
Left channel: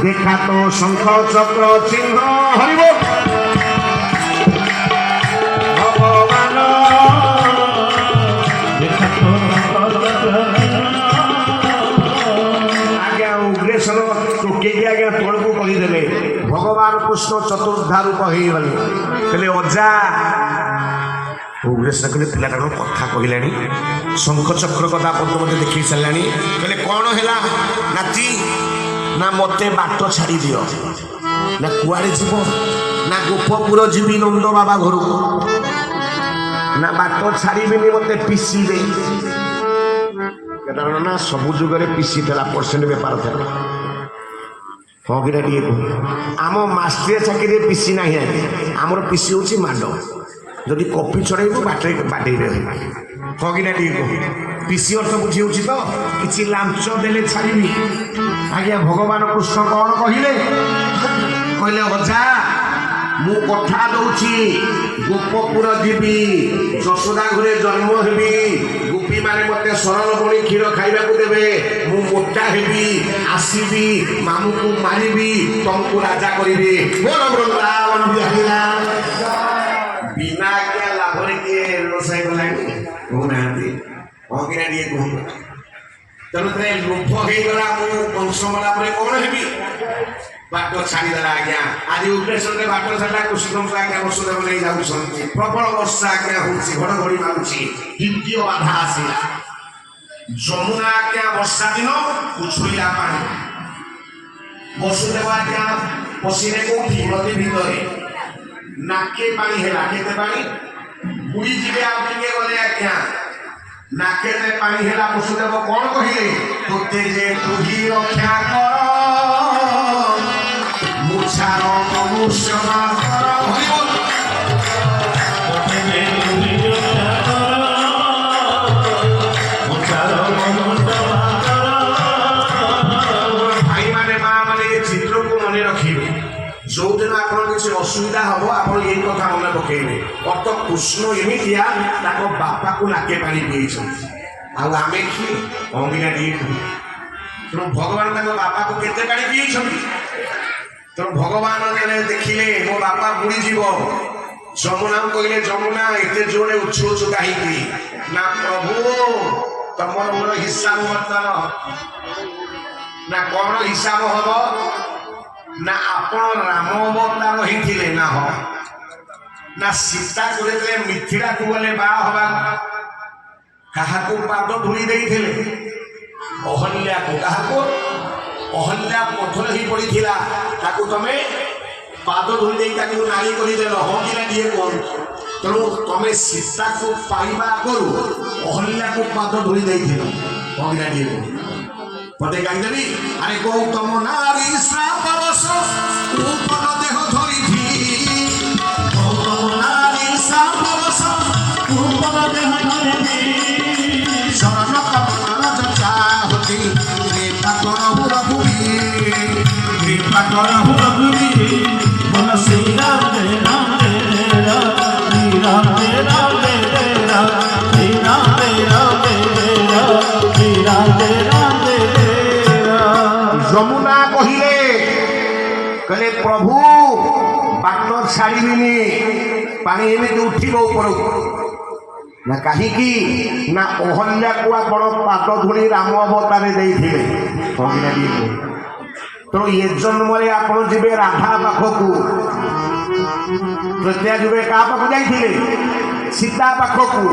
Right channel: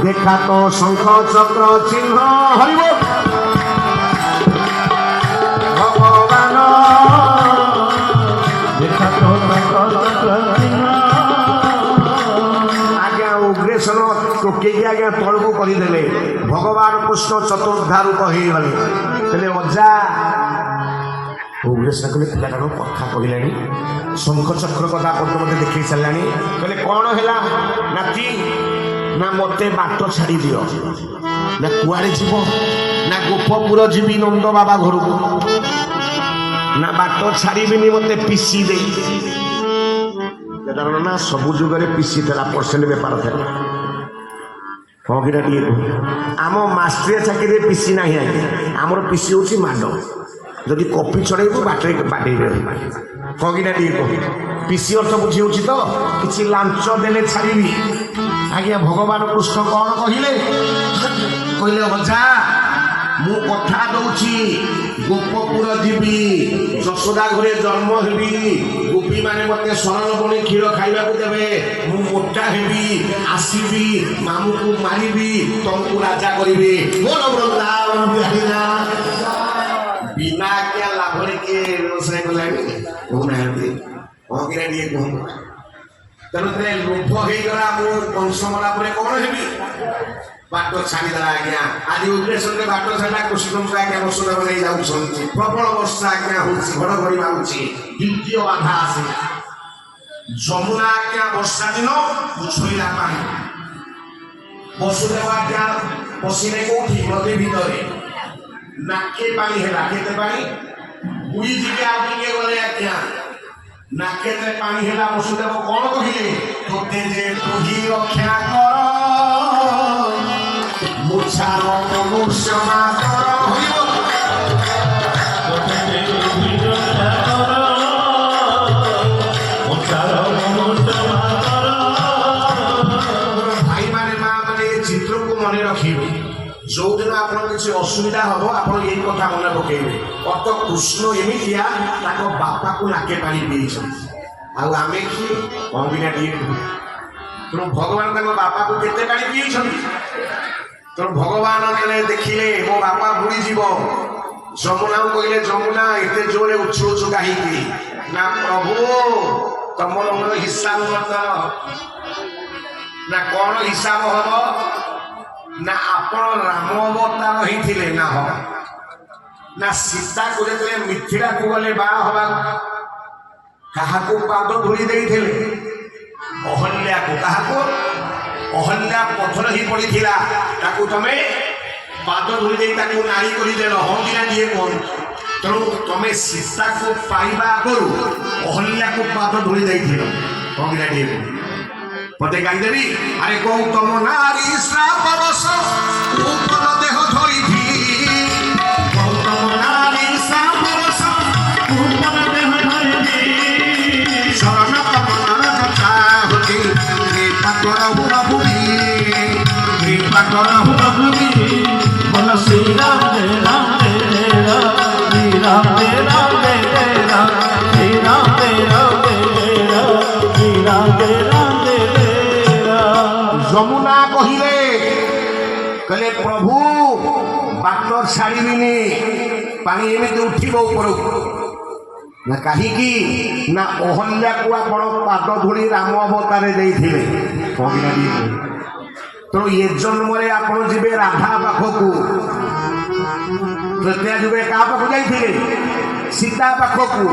দেখা তো শঙ্খ চক্র চিহ্ন হরিব। ভগবান দেখা তো শঙ্খ চক্র চিহ্ন। আজ্ঞা উগ্রেশ্বর ଟୋକେଇକି ଆଜ୍ଞା ତଳକୁ କରିଦେଲେ। ଭଗବାନ କୃଷ୍ଣ ଚତୁର୍ଦ୍ଧା ରୂପ ହେଇଗଲେ। କହିଲେ ଅଜା। ଉଗ୍ରେଶ୍ୱର କହିଲେ ପିଲାଟା କ'ଣ କଥା କହିଲାଣି, ଶଙ୍ଖ ଚକ୍ର ଗଦା ପଦ୍ମ ମୋତେ ଦେଖେଇ ସାରିଲାଣି। କହିଲେ କ'ଣ ହେଲା ନାତି? ନା ମୋତେ ବାଟ ଛାଡ଼ି ଦିଅ। ନା କୁଆଡ଼େ ଯିବ? ନା ଗୋପପୁର ଯିବି ନନ୍ଦ ବାବା ଘରକୁ। ନା ବାଟ ଛାଡ଼ିବିନି, ମୋତେ ପିସି ଦେଇ। କେତେବେଳେ ନା ସବୁ ଯୁଗରେ ପିସି ଥିଲା, ପରସେଣ୍ଟ ବେପାର ଥିଲା। ହଁ କିନା ଟିକେ କୁହ। ଆମ ମାଷ୍ଟ୍ରିଆ ଚାକିରିରେ ପିସି ନାହିଁ ଆଜ୍ଞା। ଆମର ପିସି ହେଉଛି ମାଡ଼। ଯଦି କପି ଛଡ଼େଇବୁ ବାଟେଇବେ। ହଁ କିନା ଟିକେ କୁହ। ପିସି ଅର୍ଥ ବୁଝି ହେଉଛି ତ? କିଛି ଲାଞ୍ଚ ଦେଲେ ଛାଡ଼ିବି। ଆଜ୍ଞା ଭଗବାନ କୃଷ୍ଣ କ'ଣ କହିଲେ? କହିଲେ ଅଜା ମୁଁ କଥା ଦଉଛି ଗୋପପୁର ଯିବି, ଯଶୋଦା ଘରେ ଜନ୍ମ ହେବି, ଗୋପୀମାନେ ମୋତେ ଶରଣ ପୁଣି କ୍ଷୀର ଖାଇବାକୁ ଦେବେ, ମୁଁ ମୋଟା ହେବି, ଆସିବି ମାମୁଁକୁ ମାରିବି, ତମକୁ ରାଜା କରିବି। ମୋର ବୃନ୍ଦାବନ ବିହାରିନା। ବିନା ଆଜ୍ଞା ଲାଭରେ କିଏ ବ୍ୟବସାୟ କଲାଣି କହୁନାହାନ୍ତି। ହଁ କିନା ଟିକେ କୁହନ୍ତୁ। ତେଣୁ ଲୋଭ ହେଇଗଲା, ମୁଁ କଂସ ମଲା ପରେ କ'ଣ ହେବି? ବାଟ ଛାଡ଼ିଦେଲା ଆଜ୍ଞା। ଆଜି ଉଗ୍ରେଶ୍ୱରରେ ବାଟ ଛାଡ଼ିଲା। କୃଷ୍ଣଙ୍କୁ ଆଜ୍ଞା ବସୁଦେବ ନେଇ ଯାଉଛନ୍ତି। ପ୍ରବଳ ବର୍ଷା ଆଜ୍ଞା ହେଉଛି, ଘଡ଼ଘଡ଼ି ମାରୁଛି, ଦ୍ୱିତୀୟ ବାଧା ଆସିଲା। ଯମୁନା ଆଜ୍ଞା ବର୍ଷା ଦିନ ଉଛୁଳିଲା ପାଣି। ବସୁଦେବ ଆଜ୍ଞା ପଶିଲେ କୋଉଠି? ନଦୀ ଭିତରେ। ନାକେ ପାଣି ହେଲା। କେତେ ପାଣି? ବୁଡ଼ି ଯିବେ ଆଉ ଟିକେ ଗଲେ ଆଜ୍ଞା। ନାକେତେ ପାଣି ହେଲା। ବସୁଦେବ କ'ଣ କହିଲେ? ତୋତେ ଯେ ତୁହି ରକ୍ଷା କର ମୁଛାର ମନୁଷ୍ୟମା କର। ଭାଇମାନେ ମା ମାନେ ଏ ଚିତ୍ରକୁ ମନେ ରଖିବେ। ଯୋଉଦିନ ଆପଣ କିଛି ଅସୁବିଧା ହବ ଆପଣ ଏଇ କଥା ମନେ ପକେଇବେ। ଅତ କୃଷ୍ଣ ଏମିତିଆ ତାଙ୍କ ବାପାକୁ ନାକେ ପାଣି ପିଇଛନ୍ତି। ଆଉ ଆମେ କିଏ? ଅଙ୍ଗିନା ଟିକେ। ତେଣୁ ଭଗବାନ ତାଙ୍କ ବାପାକୁ କେତେ ପାଣି ପିଇଛନ୍ତି? ତେଣୁ ଭଗବାନ ଦେଖିଲେ ମୋ ବାପା ବୁଡ଼ିଯିବ। ଯମୁନାକୁ କହିଲେ ଯମୁନା ଏତେ ଜୋରରେ ଉଛୁଳୁଛୁ କାହିଁକି? ନା ପ୍ରଭୁ ତମର ମୋର ହିସାବ ବର୍ତ୍ତମାନ। ନା କ'ଣ ହିସାବ ହବ? ନା ଆପଣ ରାମ ଅବତାର ହେଇଥିଲେ ନା ହବ? ନା ସୀତାକୁ ଯେତେବେଳେ ମିଥିଳାକୁ ଗଲେ ବାହା ହବା କାହାକୁ ପାଦ ଧୂଳି ଦେଇଥିଲେ? ଅହଲ୍ୟାକୁ। କାହାକୁ? ଅହଲ୍ୟା ପଥର ହେଇ ପଡ଼ିଥିଲା, ତାକୁ ତମେ ପାଦ ଧୂଳି ଦେଇ ତାକୁ ନାରୀ କରିଦେଲ। ହଁ କିନା ଟିକେ କୁହନ୍ତୁ। ତେଣୁ ତମେ ସୀତାକୁ ପାଇବା ଆଗରୁ ଅହଲ୍ୟାକୁ ପାଦ ଧୂଳି ଦେଇଥିଲ। ହଁ କିନା ଟିକେ କୁହ। ମତେ ଗାଇଦେବି। ଆରେ ଗୌତମ ନାରୀ ଶ୍ରାପରସ ଉପନ ଦେହ ଧରିଥି। ଗୌତମ ନାରୀ ଶ୍ରାପରସ ଉପନ ଦେହ ଧରିଥି। ଶରଣ କମଳ ଯଥା ହତି କୃପା କରହୁ ରଘୁବୀ। କୃପା କରହୁ ରଘୁବୀ। ବୋଲ ଶ୍ରୀରାମ ଜୟ ରାମ ଜୟ ରାମ। ଶ୍ରୀରାମ ଜୟ ରାମ ଜୟ ରାମ। ଶ୍ରୀରାମ ଜୟ ରାମ ଜୟ ରାମ। ଶ୍ରୀରାମ ଜୟ ରାମ। ଯମୁନା କହିଲେ କହିଲେ ପ୍ରଭୁ ବାଟ ଛାଡ଼ିବିନି, ପାଣି ଏମିତି ଉଠିବ ଉପରକୁ। ନା କାହିଁକି? ନା ଅହଲ୍ୟାକୁ ଆପଣ ପାଦ ଧୂଳି ରାମ ଅବତାରେ ଦେଇଥିଲେ। ତେଣୁ ଏ ଜନ୍ମରେ ଆପଣ ଯିବେ ରାଧା ପାଖକୁ, ତ୍ରେତୟା ଯୁଗରେ କାହା ପାଖକୁ ଯାଇଥିଲେ? ସୀତା ପାଖକୁ।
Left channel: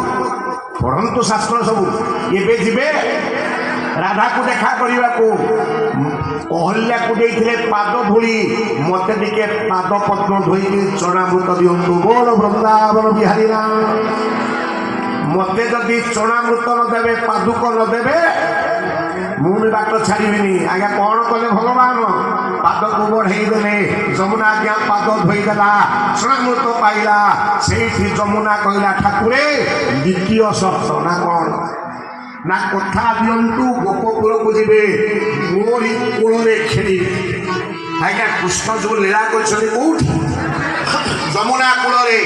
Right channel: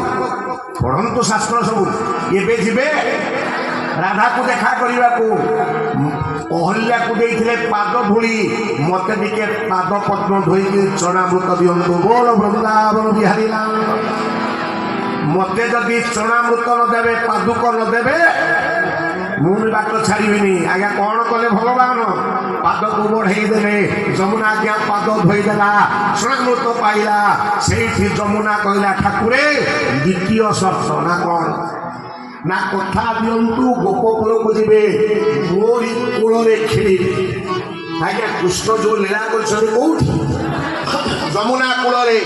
ପଢ଼ନ୍ତୁ ଶାସ୍ତ୍ର ସବୁ। ଏବେ ଯିବେ ରାଧାକୁ ଦେଖା କରିବାକୁ। ଅହଲ୍ୟାକୁ ଦେଇଥିଲେ ପାଦ ଧୂଳି, ମତେ ଟିକେ ପାଦ ପଦ୍ମ ଧୋଇକି ଚଣାମୃତ ଦିଅନ୍ତୁ। ବୋଲ ବୃନ୍ଦାବନ ବିହାରୀ ରାମ। ମତେ ଯଦି ଚଣାମୃତ ନ ଦେବେ, ପାଦୁକ ନ ଦେବେ, ମୁଁ ବି ବାଟ ଛାଡ଼ିବିନି। ଆଜ୍ଞା କଣ କଲେ ଭଗବାନ? ପାଦକୁ ବଢ଼େଇ ଦେଲେ। ଯମୁନା ଆଜ୍ଞା ପାଦ ଧୋଇଦେଲା, ଚଣାମୃତ ପାଇଲା। ସେଇଠି ଯମୁନା କହିଲା, ଠାକୁରେ ଦ୍ୱିତୀୟ ସର୍ତ୍ତ ନା କଣ? ନା କଥା ଦିଅନ୍ତୁ ଗୋପପୁରକୁ ଯିବେ, ମୋରି କୂଳରେ ଖେଳିବେ। ଆଜ୍ଞା କୃଷ୍ଣ ଯୋଉ ଲୀଳା କରିଛନ୍ତି କୋଉଠି? ଯମୁନା କୂଳରେ।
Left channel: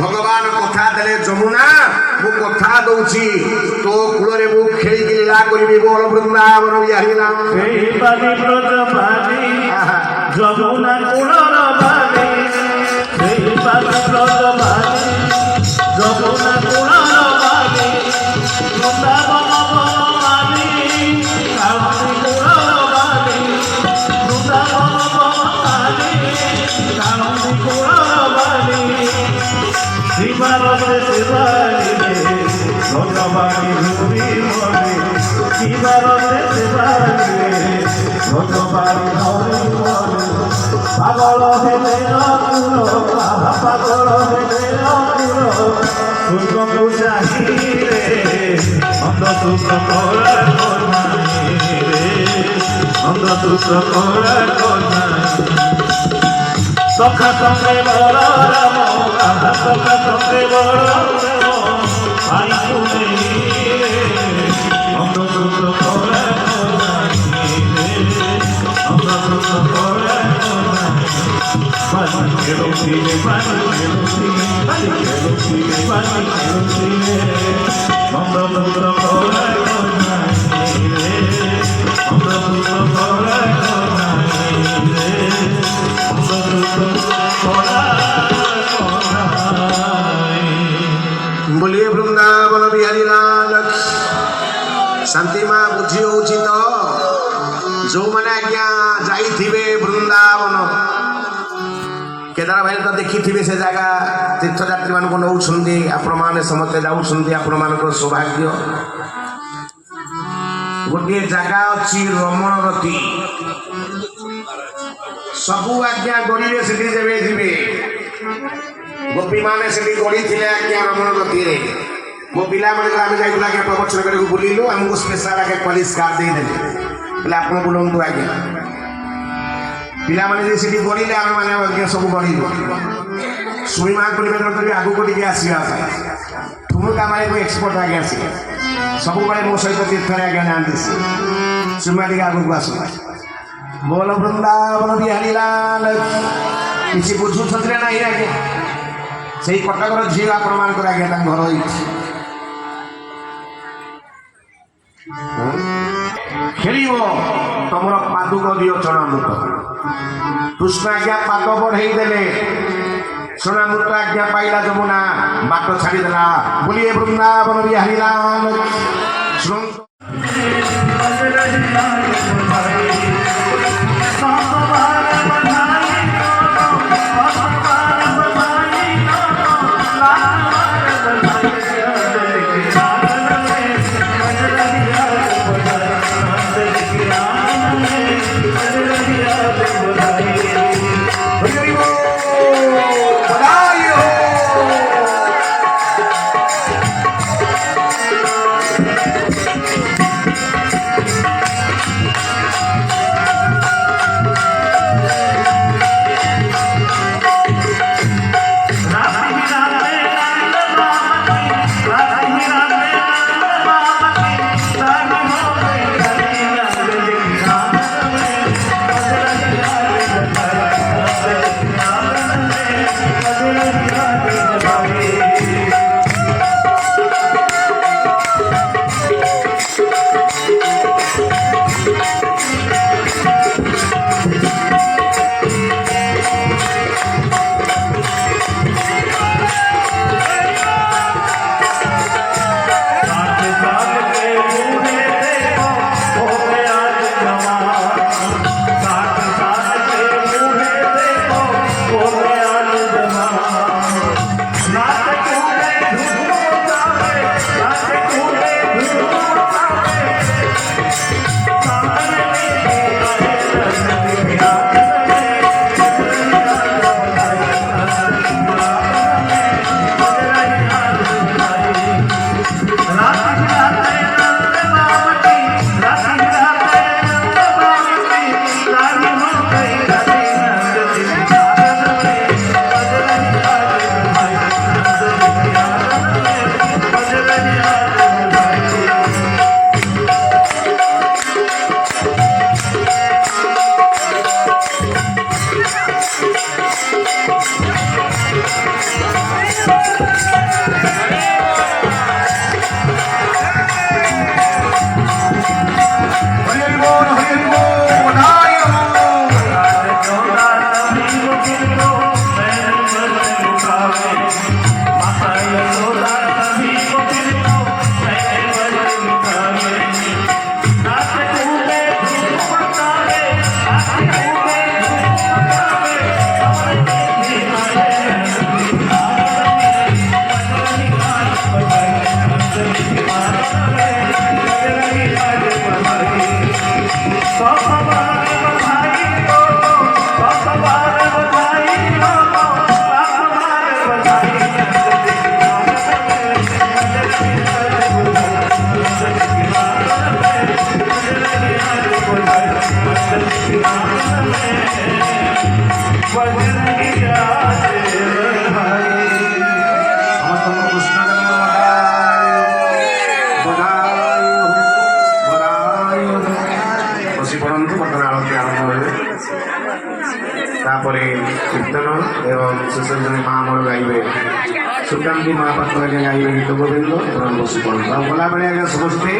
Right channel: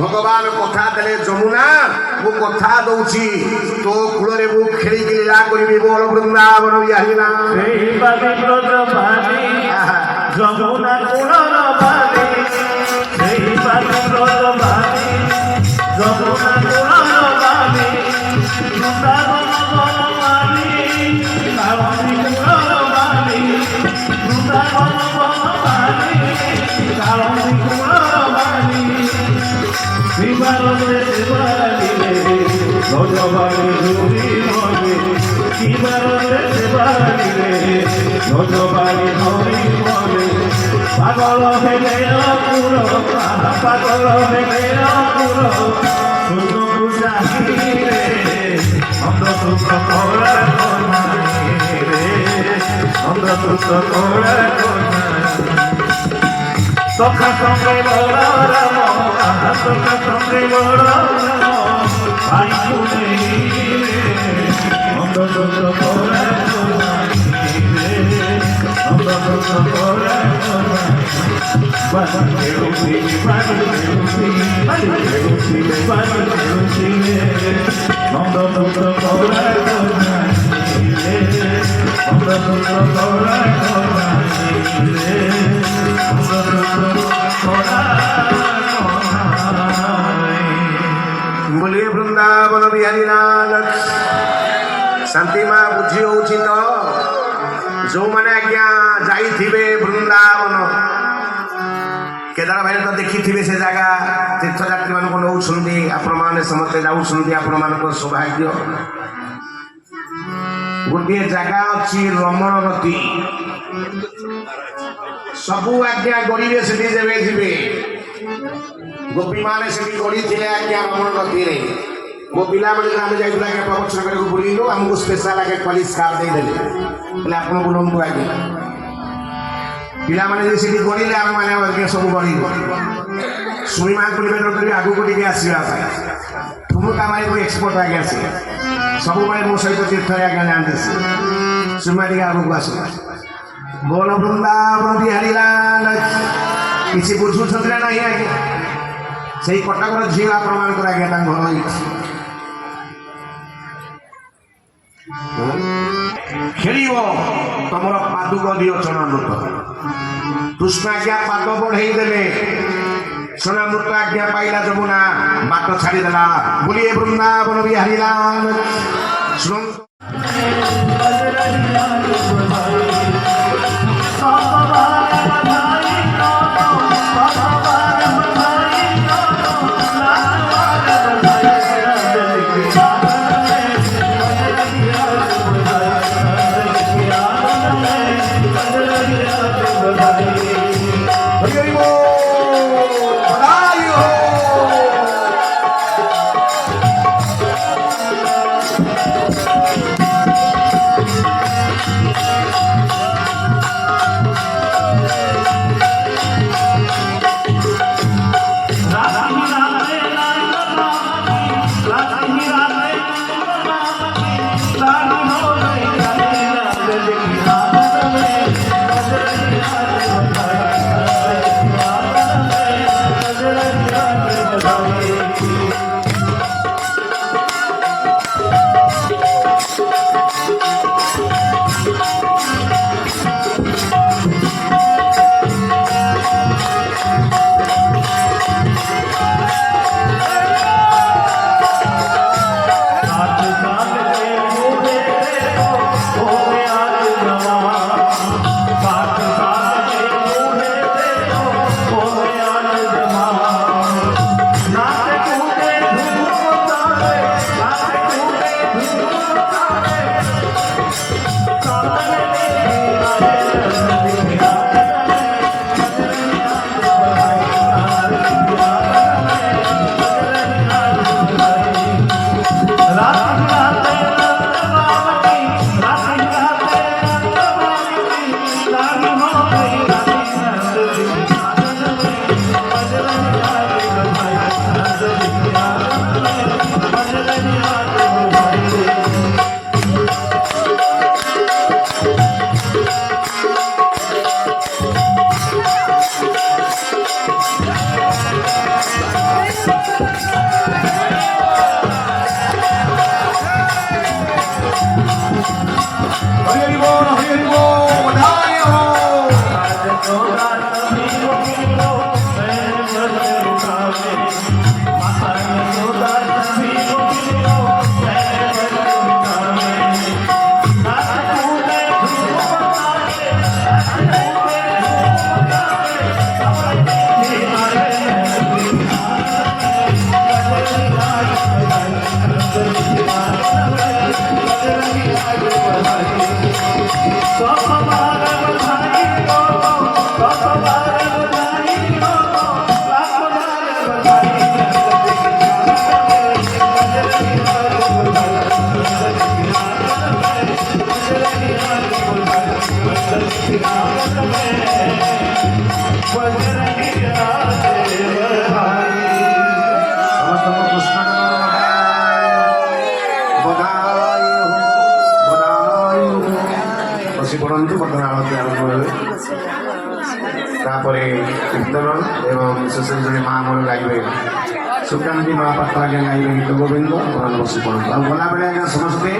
ଭଗବାନ କଥା ଦେଲେ, ଯମୁନା ମୁଁ କଥା ଦଉଛି, ତୋ କୂଳରେ ମୁଁ ଖେଳିକି ଲୀଳା କରିବି। ବୋଲ ବୃନ୍ଦାବନ ବିହାରୀ ରାମ। ଯମୁନା କୂଳର ବାଲି, ସେଇ ପାତ୍ରର ବାଲି, ଯମୁନା କୂଳର ବାଲି, ବୃନ୍ଦାବନ ବନମାଲି, କାଳନ୍ଦୀ କୂଳର ବାଲି, ବୃନ୍ଦାବନ ବନମାଲି, କାଳନ୍ଦୀ କୂଳର ବାଲି, ଶିବାରେ ଶିବାଲିରେ ଭଜବାଣୀ ଧୁରି ମରେ, ଶିବାରେ ଶିବାଲିରେ ভজবাড়ি ধরি মরে, পাগল হেলে অপুর, পাগল হেলে অপুর, সূর্যকু চাহিরে, অন্ধসূত্র করা কন্যায় রে, অন্ধসূত্র করা কন্যায়। সখা সঙ্গে বড় রাম, সখা সঙ্গে বড় রাম, ভাই শুনে রে, অন্ধসূত্র করা কন্যায়। बोलिए वृंदावन बिहारी लाल। शांति माँ बुझी होची तो जो मैंने आज्ञा जाइथिबे वृंदावन, केदार भाई तो देखी थे से जगह तीर्थयात्री मान नौ आपण मैंने समस्ते जाऊँच आपण मान सौभाग्य। गोटे जगह अच्छी रमणरती, सबू आज्ञा गड़े से जी गोपी मैंने से गड़ी थे आज्ञा रमणरती। मो पिला मैंने आम जाइला प्रवचन करके बुलू, आमको स्पेशल आगे कॉलेज कार्ड देदेले, आप बुलाऊँ आज्ञा। पिला मैंने से गड़े आम मैंने सब गड़ शुणी माँ निवेदन करी आगू टे आसवा ठुमुका मारे कोई एक्सपर्ट आगे आस सब मो सहित तीर्थ आगे जाती शुणा टे आगू आस। बोल वृंदावन बिहारी लाल। किसी बुझुंट ना आज्ञा से कटकर झील आपण मान आज्ञा घर खेल तुम पादुक दियो चणामृत। कृष्ण आज्ञा पाद बढ़े देले, चणामृत आज्ञा पाइला जमुना बाट छाड़ीदेला। बोलिए वृंदावन बिहारी लाल। Yeah. ସମସ୍ତଙ୍କୁ କୃଷ୍ଣ ବସି ପଡ଼ନ୍ତୁ ବର୍ତ୍ତମାନ ଆଳତୀ ଆରମ୍ଭ ହେବେ ତାପରେ କୀର୍ତ୍ତନ ଏବଂ ଶେଷରେ ଜଣେ ମା ଆମର ଗାଇବେ ସୁକାନ୍ତି ମହାପାତ୍ର ଆଜ୍ଞା ଗାଇବେ ଗୀତ ଗୋବିନ୍ଦ ବସି ପଡ଼ନ୍ତୁ ଆଉ ଗଲାବେଳେ ଆଜ୍ଞା ସମସ୍ତେ